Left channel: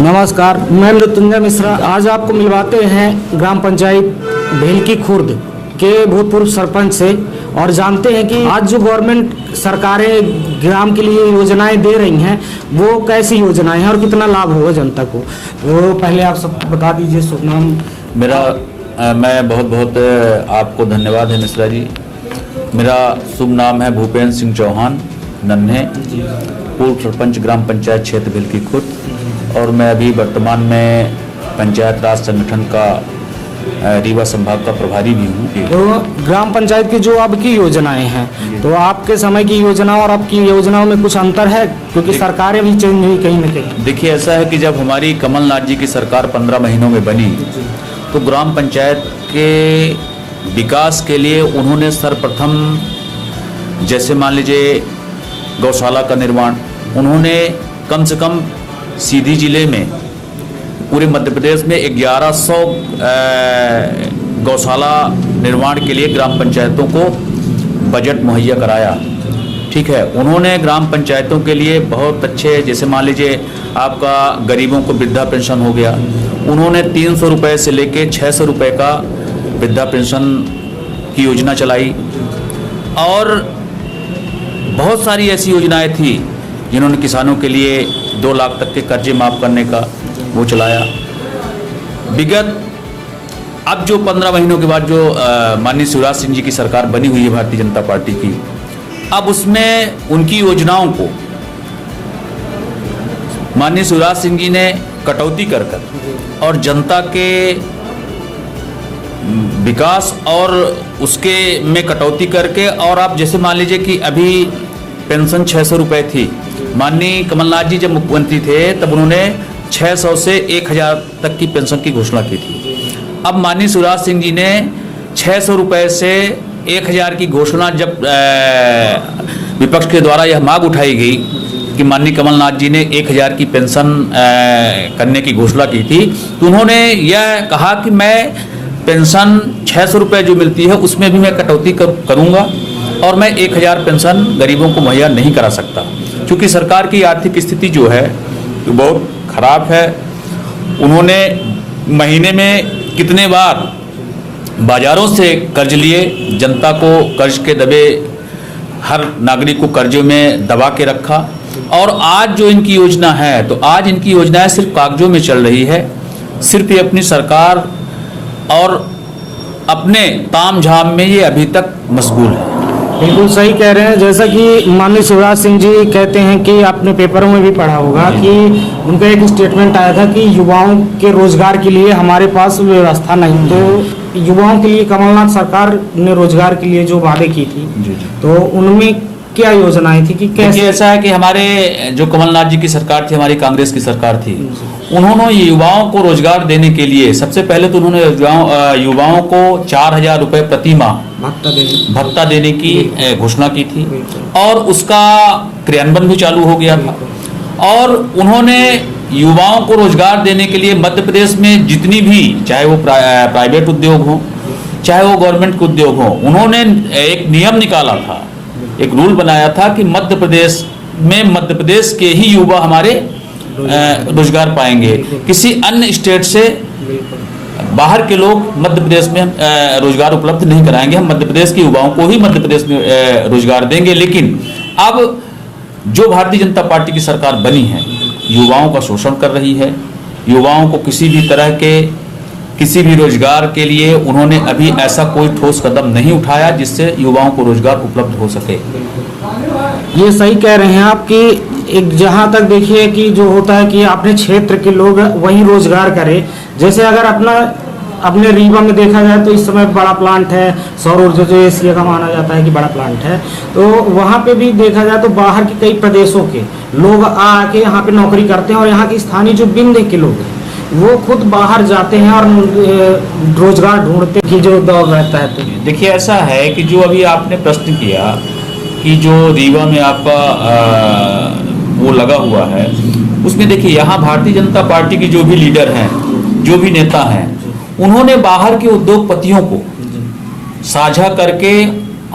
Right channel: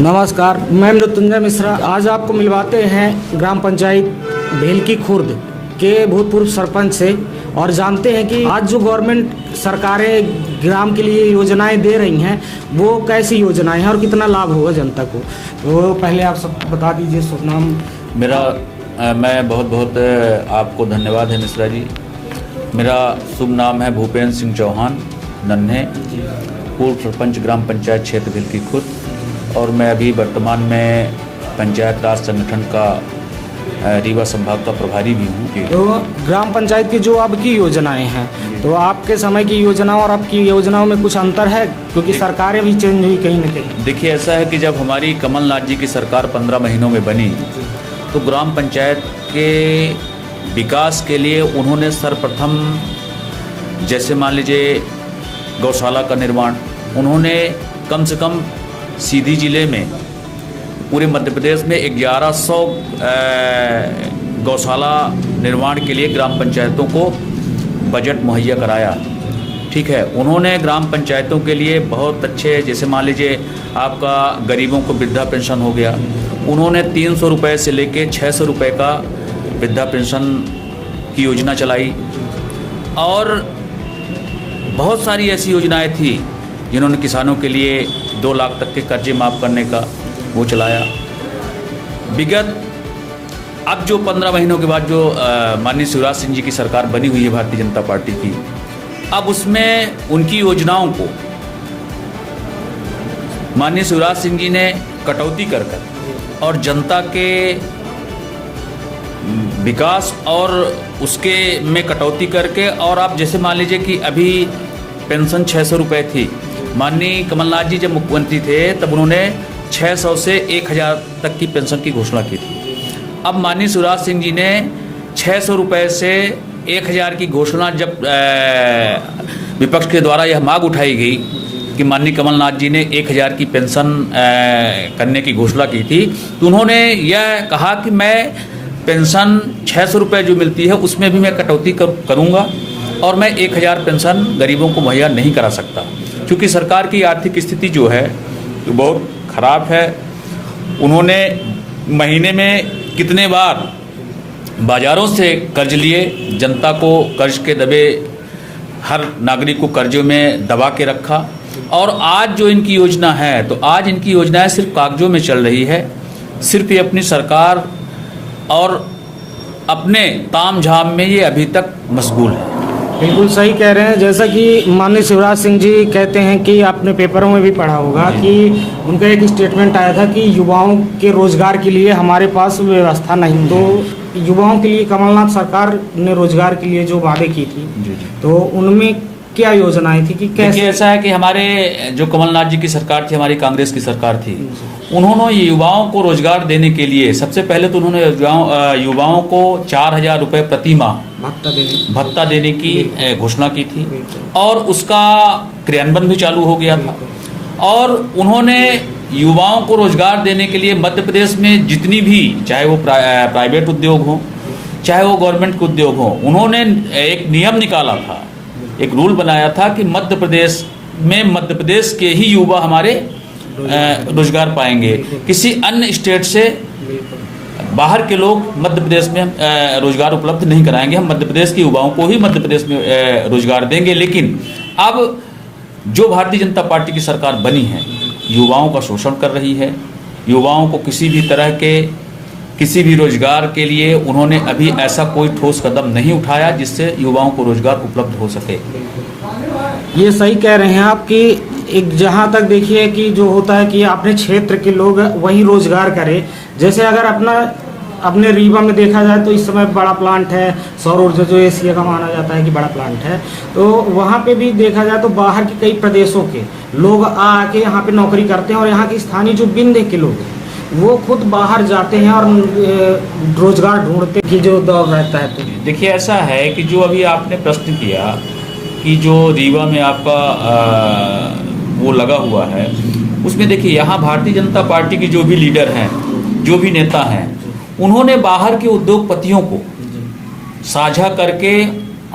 नमस्कार, मैं मृत्युंजय मिश्रा। आज आपको मिलवाते हैं ग्राम पंचायत भेलकी खुर्द के भूतपूर्व सरपंच से और जानते हैं कि आज जो गवर्नमेंट सरकारें ग्राम के लिए योजनाएं दे रही हैं वो कैसी योजनाएं हैं और कितना लाभ होगा जनता को। तो पहले आप सब बता दीजिए शुभ नाम। मैं बहुत आपको धन्यवाद है मिश्रा जी। मेरा शुभ नाम है भूपेंद्र सिंह चौहान नन्हे, पूर्व सरपंच ग्राम पंचायत क्षेत्र भेलकी खुर्द, और मैं अभी वर्तमान में पंचायत राज संगठन का रीवा संभाग का प्रभारी भी हूँ। तो ग्राम पंचायत की जो अब की योजनाएं हैं, तो आपके समय की योजनाओं और अब की योजनाओं में कुछ अंतर है, क्योंकि सरकारें भी चेंज हुई कहीं न कहीं। देखिए, ऐसा है कि जब हमारी कमलनाथ जी की सरकार 15 महीनों में बनी तो ग्राम पंचायत के विकास के लिए उन्होंने सर्वप्रथम, जैसे मान लीजिए गौशाला का निर्माण, उन्होंने कम से कम सीधी जिले में पूरे मध्य प्रदेश में 1100 गौशाला निर्माण के लिए ग्राम पंचायतों को बजट मुहैया कराया। ठीक है, उन्होंने ग्राम पंचायतों के लिए बहुत अच्छे, जैसे मान लीजिए आपका गरीबों को वृद्धा पेंशन हो गया, उन्होंने 300 रुपये से लेके 600 रुपये का वृद्धा पेंशन की योजना चलाई, और बहुत सारी ऐसी योजनाएं थी जिन्होंने किसानों के लिए 2 लाख तक के कर्जे माफ करने का वो चलाया। विगत अब जो 15 महीनों के बाद जो माननीय शिवराज सिंह जी की सरकार बनी हुई है भारतीय जनता पार्टी की, अब उसमें उनकी योजनाओं को माननीय शिवराज सिंह जी ने कटौती कर और जनता के विकास और उसके में कटौती करके, और आप जैसे मान लीजिए कि अभी पेंशन 600 रुपये थी, माननीय कमलनाथ जी जब मुख्यमंत्री थे तब उन्होंने 600 से 1000 तक की पेंशन की घोषणा की थी। अब माननीय शिवराज सिंह जी ने 600 रुपये से 1000 की घोषणा, जब विपक्ष के द्वारा यह मांग उठाई गई कि माननीय कमलनाथ जी ने 1000 की पेंशन करने की घोषणा की थी, तो उन्होंने यह कहा कि मैं पेंशन 600 रुपये जो मिलती है उसमें भी मैं कटौती करूंगा और मैं 1000 पेंशन गरीबों को मुहैया नहीं करा सकता, क्योंकि सरकार की आर्थिक स्थिति जो है वो बहुत खराब है। उन्होंने महीने में कितने बार बाजारों से कर्ज लिए, जनता को कर्ज के दबे, हर नागरिक को कर्जों में दबा के रखा, और आज जो इनकी योजना है, तो आज इनकी योजनाएं सिर्फ कागजों में चल रही है। सिर्फ ये अपनी सरकार और अपने ताम झाम में ये अभी तक मशगूल है। बिल्कुल सही कह रहे हैं। जैसा कि माननीय शिवराज सिंह जी कहते हैं कि आपने पेपरों में भी पढ़ा होगा कि उनका एक स्टेटमेंट आया था कि युवाओं के रोजगार के लिए हमारे पास व्यवस्था नहीं। तो युवाओं के लिए कमलनाथ सरकार ने रोजगार के लिए जो वादे की थी, तो उनमें क्या योजनाएं थी कि कैसे? ऐसा है कि हमारे जो कमलनाथ जी की सरकार थी, हमारी कांग्रेस की सरकार थी, उन्होंने युवाओं को रोजगार देने के लिए सबसे पहले तो उन्होंने युवाओं को 4000 रुपये प्रति माह भत्ता देने की घोषणा की थी, और उसका क्रियान्वयन भी चालू हो गया था। और उन्होंने युवाओं को रोजगार देने के लिए मध्य प्रदेश में जितनी भी, चाहे वो प्राइवेट उद्योग हो चाहे वो गवर्नमेंट उद्योग हो, उन्होंने एक नियम निकाला था, एक रूल बनाया था कि मध्य प्रदेश के ही युवा हमारे रोजगार पाएंगे, किसी अन्य स्टेट से बाहर के लोग मध्य प्रदेश में रोजगार उपलब्ध नहीं कराएंगे। हम मध्य प्रदेश के युवाओं को ही मध्य प्रदेश में रोजगार देंगे। लेकिन अब जो भारतीय जनता पार्टी की सरकार बनी है, युवाओं का शोषण कर रही है। युवाओं को किसी भी तरह के किसी भी रोजगार के लिए उन्होंने अभी ऐसा कोई ठोस कदम नहीं उठाया जिससे युवाओं को रोजगार उपलब्ध हो सके। ये सही कह रहे हैं आप कि एक जहां तक देखिए कि जो होता है कि अपने क्षेत्र के लोग वहीं रोजगार करें। जैसे अगर अपने रीवा में देखा जाए तो इस समय बड़ा प्लांट है, सौर ऊर्जा जो एशिया का माना जाता है कि बड़ा प्लांट है, तो वहां पे भी देखा जाए तो बाहर के कई प्रदेशों के लोग आके यहाँ पे नौकरी करते हैं, और यहाँ के स्थानीय जो बिंदे के लोग हैं वो खुद बाहर जाते हैं और रोजगार ढूंढते हैं, जो दौर रहता है। तो देखिए, ऐसा है कि जो अभी आपने प्रश्न किया कि जो रीवा में आपका वो लगा हुआ है, उसमें देखिए यहाँ भारतीय जनता पार्टी की जो भी लीडर हैं, जो भी नेता हैं, उन्होंने बाहर के उद्योगपतियों को साझा करके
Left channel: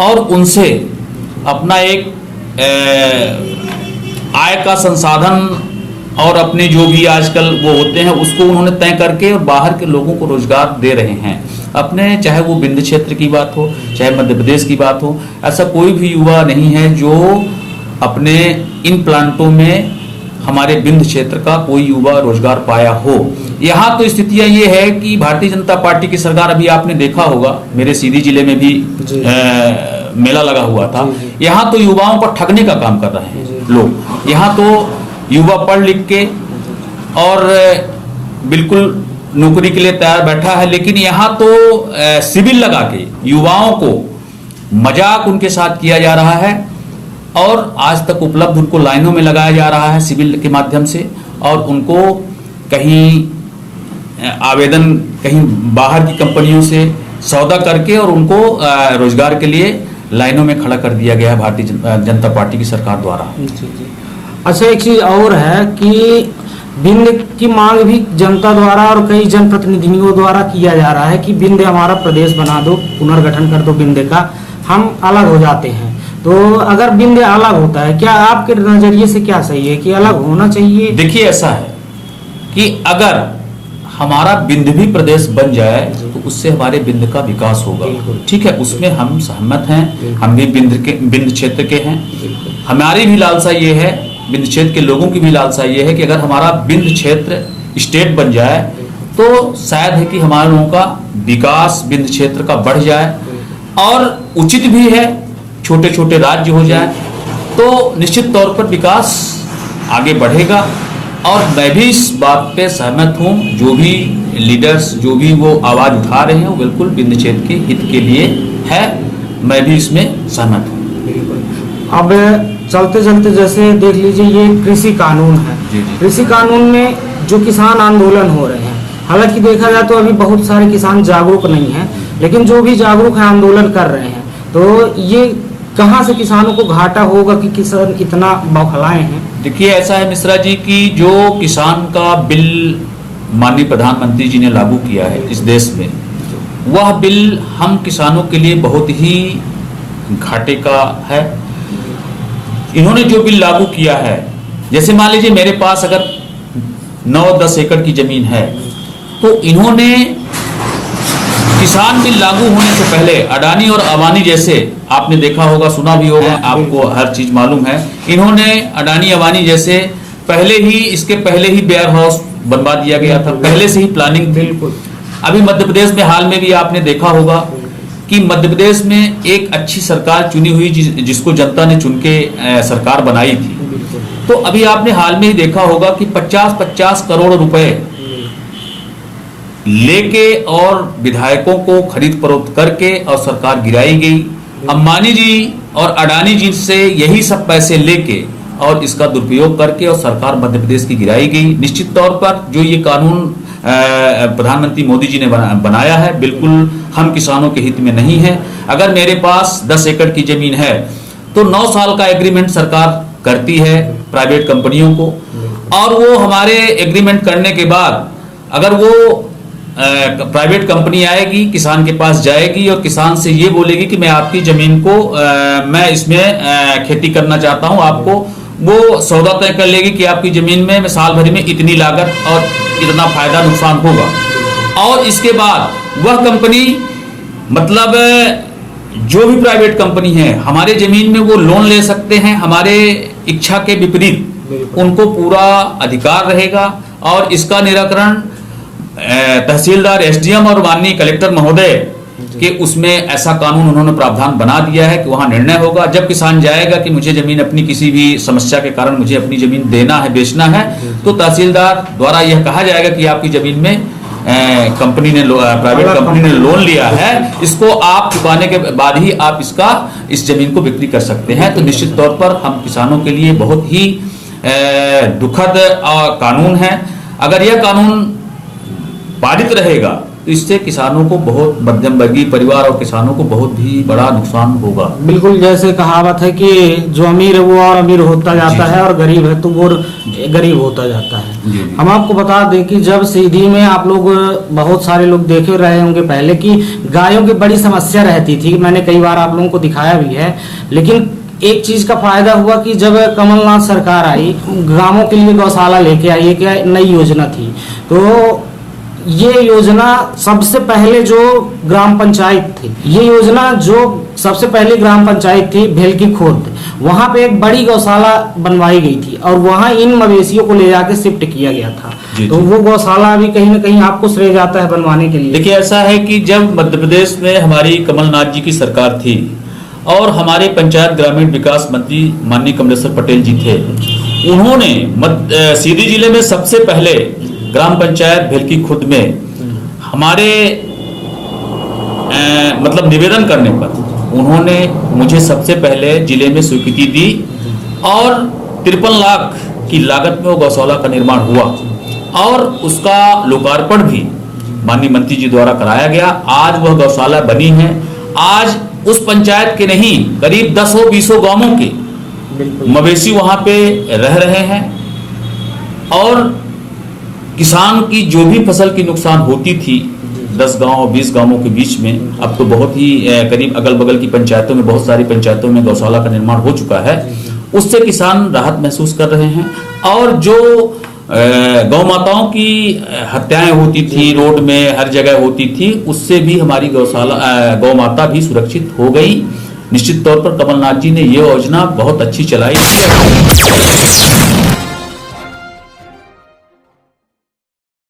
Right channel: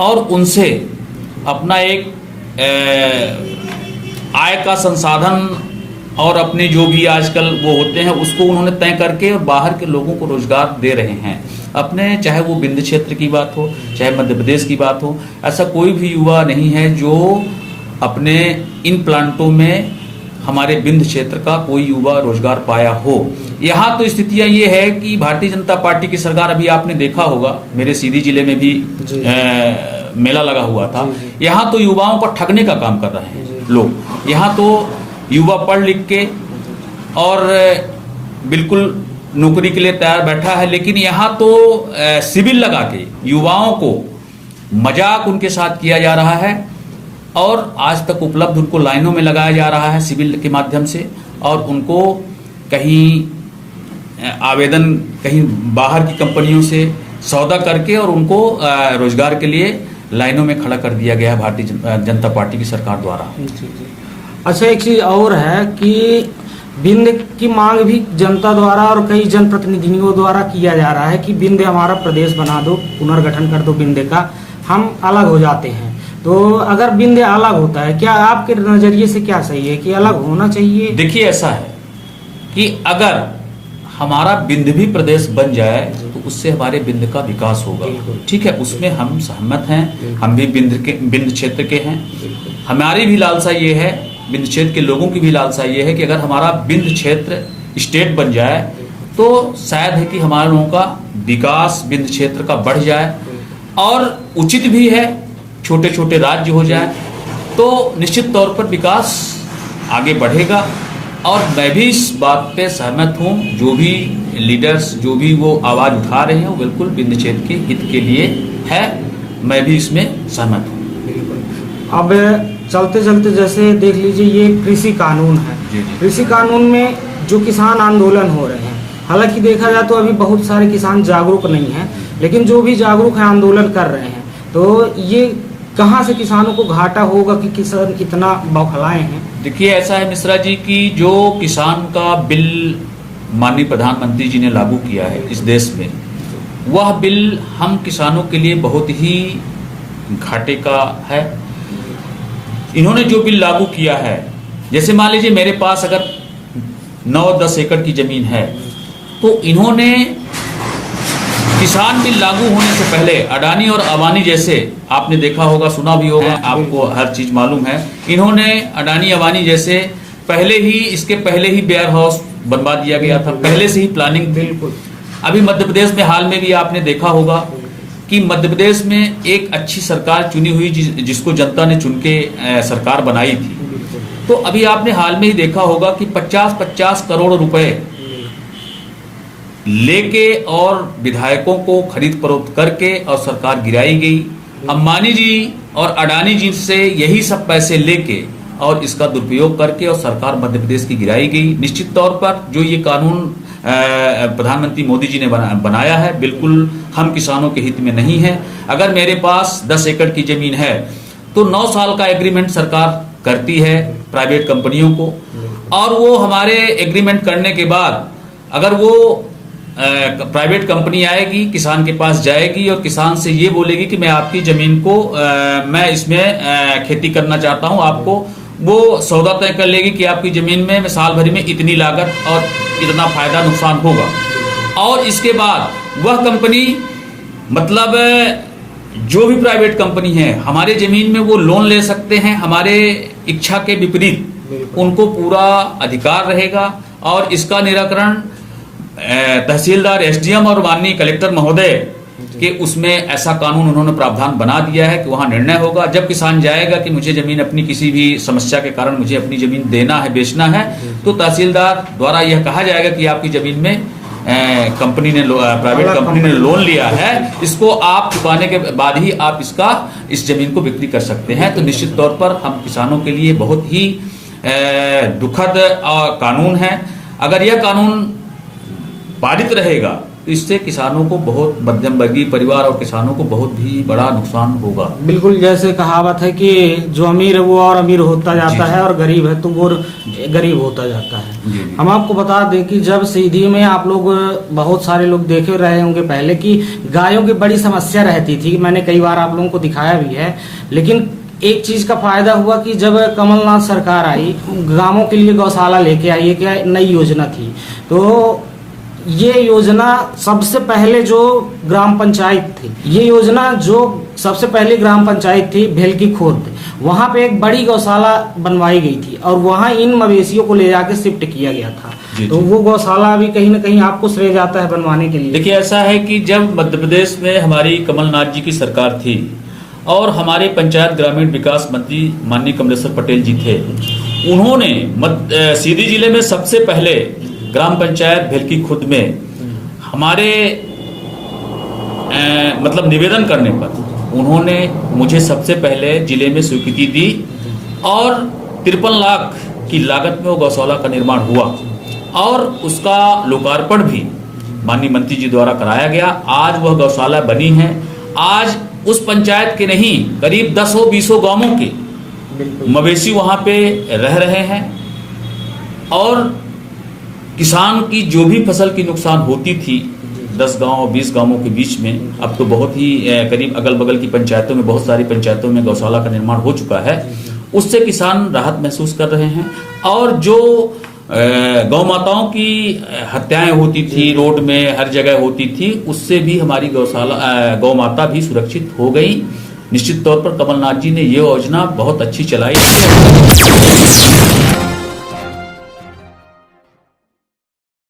और उनसे अपना एक आय का संसाधन और अपने जो भी आजकल वो होते हैं उसको उन्होंने तय करके और बाहर के लोगों को रोजगार दे रहे हैं अपने, चाहे वो विंध्य क्षेत्र की बात हो, चाहे मध्य प्रदेश की बात हो। ऐसा कोई भी युवा नहीं है जो अपने इन प्लांटों में हमारे विंध्य क्षेत्र का कोई युवा रोजगार पाया हो। यहाँ तो स्थितियां ये है कि भारतीय जनता पार्टी की सरकार, अभी आपने देखा होगा मेरे सीधी जिले में भी मेला लगा हुआ था, यहाँ तो युवाओं को ठगने का काम कर रहे हैं लोग। यहाँ तो युवा पढ़ लिख के और बिल्कुल नौकरी के लिए तैयार बैठा है, लेकिन यहाँ तो सिविल लगा के युवाओं को मजाक उनके साथ किया जा रहा है और आज तक उपलब्ध उनको लाइनों में लगाया जा रहा है सिविल के माध्यम से, और उनको कहीं आवेदन कहीं बाहर की कंपनियों से सौदा करके और उनको रोजगार के लिए लाइनों में खड़ा कर दिया गया है भारतीय जनता पार्टी की सरकार द्वारा। अच्छा, एक चीज और है कि विंध्य की मांग भी जनता द्वारा और कई जनप्रतिनिधियों द्वारा किया जा रहा है कि विंध्य हमारा प्रदेश बना दो, पुनर्गठन कर दो विंध्य का, हम अलग हो जाते हैं। तो अगर विंध्य अलग होता है, क्या आपके नजरिए से क्या सही है कि अलग होना चाहिए? देखिए, ऐसा है कि अगर हमारा विंध्य भी प्रदेश बन जाए तो उससे हमारे विंध्य का विकास होगा। ठीक है, उसमें हम सहमत हैं, हम भी विंध्य क्षेत्र के हैं। हमारी भी लालसा ये है, विंध्य क्षेत्र के लोगों की भी लालसा ये है कि अगर हमारा विंध्य क्षेत्र स्टेट बन जाए तो शायद है कि हमारे लोगों का विकास विंध्य क्षेत्र का बढ़ जाए, और उचित भी है छोटे छोटे राज्य हो जाए तो निश्चित तौर पर विकास आगे बढ़ेगा। और मैं भी इस बात पे सहमत हूं, जो भी लीडर्स जो भी वो आवाज उठा रहे हैं वो बिल्कुल विंध्य क्षेत्र के हित के लिए है, मैं भी इसमें सहमत हूं। अब चलते चलते जैसे देख लीजिए, ये कृषि कानून है। कृषि कानून में जो किसान आंदोलन हो रहे हैं, हालांकि देखा जाए तो अभी बहुत सारे किसान जागरूक नहीं हैं, लेकिन जो भी जागरूक है आंदोलन कर रहे हैं, तो ये कहाँ से किसानों को घाटा होगा कि किसान इतना बौखलाए हैं? देखिए, ऐसा है मिश्रा जी कि जो किसान का बिल माननीय प्रधानमंत्री जी ने लागू किया है इस देश में, वह बिल हम किसानों के लिए बहुत ही घाटे का है। इन्होंने जो बिल लागू किया है, जैसे मान लीजिए मेरे पास अगर 9-10 एकड़ की जमीन है, तो इन्होंने किसान बिल लागू होने से पहले अडानी और अवानी जैसे, आपने देखा होगा, सुना भी होगा, आपको हर चीज मालूम है, इन्होंने अडानी अवानी जैसे पहले ही, इसके पहले ही वेयर हाउस बनवा दिया गया था, पहले से ही प्लानिंग। बिल्कुल। अभी मध्य प्रदेश में हाल में भी आपने देखा होगा कि मध्य प्रदेश में एक अच्छी सरकार चुनी हुई, जिसको जनता ने चुन के सरकार बनाई थी, तो अभी आपने हाल में ही देखा होगा कि 50-50 करोड़ रुपए लेके और विधायकों को खरीद फरोख्त करके और सरकार गिराई गई। अंबानी जी और अडानी जी से यही सब पैसे लेके और इसका दुरुपयोग करके और सरकार मध्य प्रदेश की गिराई गई। निश्चित तौर पर जो ये कानून प्रधानमंत्री मोदी जी ने बनाया है, बिल्कुल हम किसानों के हित में नहीं है। अगर मेरे पास 10 एकड़ की जमीन है तो 9 साल का एग्रीमेंट सरकार करती है प्राइवेट कंपनियों को, और वो हमारे एग्रीमेंट करने के बाद अगर वो प्राइवेट कंपनी आएगी, किसान के पास जाएगी और किसान से ये बोलेगी कि मैं आपकी जमीन को मैं इसमें खेती करना चाहता हूं, आपको वो सौदा तय कर लेगी कि आपकी जमीन में मैं साल भर में इतनी लागत और इतना फायदा नुकसान होगा। और इसके बाद वह कंपनी, मतलब जो भी प्राइवेट कंपनी है, हमारे जमीन में वो लोन ले सकते हैं, हमारे इच्छा के विपरीत उनको पूरा अधिकार रहेगा। और इसका निराकरण तहसीलदार, एसडीएम और माननीय कलेक्टर महोदय के उसमें ऐसा कानून उन्होंने प्रावधान बना दिया है कि वहां निर्णय होगा। जब किसान जाएगा कि मुझे जमीन अपनी किसी भी समस्या के कारण मुझे अपनी जमीन देना है, बेचना है, तो तहसीलदार द्वारा यह कहा जाएगा कि आपकी जमीन में कंपनी ने, प्राइवेट कंपनी ने लोन लिया है, इसको आप चुकाने के बाद ही आप इस जमीन को बिक्री कर सकते हैं। तो निश्चित तौर पर हम किसानों के लिए बहुत ही दुखद कानून है। अगर यह कानून पारित रहेगा तो इससे किसानों को बहुत, मध्यम वर्गीय परिवार और किसानों को बहुत ही बड़ा नुकसान होगा। बिल्कुल, जैसे कहावत है कि जो अमीर है वो और अमीर होता जाता है और गरीब है तो वो गरीब होता जाता है। हम आपको बता दें कि जब सीधी में आप लोग, बहुत सारे लोग देखे रहे होंगे पहले, कि गायों की बड़ी समस्या रहती थी, मैंने कई बार आप लोगों को दिखाया भी है, लेकिन एक चीज का फायदा हुआ कि जब कमलनाथ सरकार आई, गांवों के लिए गौशाला लेके आई, एक नई योजना थी। तो ये योजना सबसे पहले जो ग्राम पंचायत थी, ये योजना जो सबसे पहले ग्राम पंचायत थी भेलकी खोद, वहां पे एक बड़ी गौशाला बनवाई गई थी और वहां इन मवेशियों को ले जाके शिफ्ट किया गया था। तो वो गौशाला अभी कहीं न कहीं आपको श्रेय जाता है बनवाने के लिए। देखिए, ऐसा है कि जब मध्य प्रदेश में हमारी कमलनाथ जी की सरकार थी और हमारे पंचायत ग्रामीण विकास मंत्री माननीय कमलेश्वर पटेल जी थे, उन्होंने सीधी जिले में सबसे पहले ग्राम पंचायत भेलकी खुद में हमारे मतलब निवेदन करने पर उन्होंने मुझे सबसे पहले जिले में स्वीकृति दी और 53 लाख की लागत में वो गौशाला का निर्माण हुआ और उसका लोकार्पण भी माननीय मंत्री जी द्वारा कराया गया। आज वह गौशाला बनी है। आज उस पंचायत के नहीं, करीब 10-20 गांवों के मवेशी वहां पे रह रहे हैं और किसान की जो भी फसल की नुकसान होती थी 10 गांव 20 गांवों के बीच में, अब तो बहुत ही करीब अगल बगल की पंचायतों में, बहुत सारी पंचायतों में गौशाला का निर्माण हो चुका है। उससे किसान राहत महसूस कर रहे हैं और जो गौ माताओं की हत्याएं होती थी, रोड में हर जगह होती थी, उससे भी हमारी गौ माता भी सुरक्षित हो गई। निश्चित तौर पर कमलनाथ जी ने ये योजना बहुत अच्छी चलाई।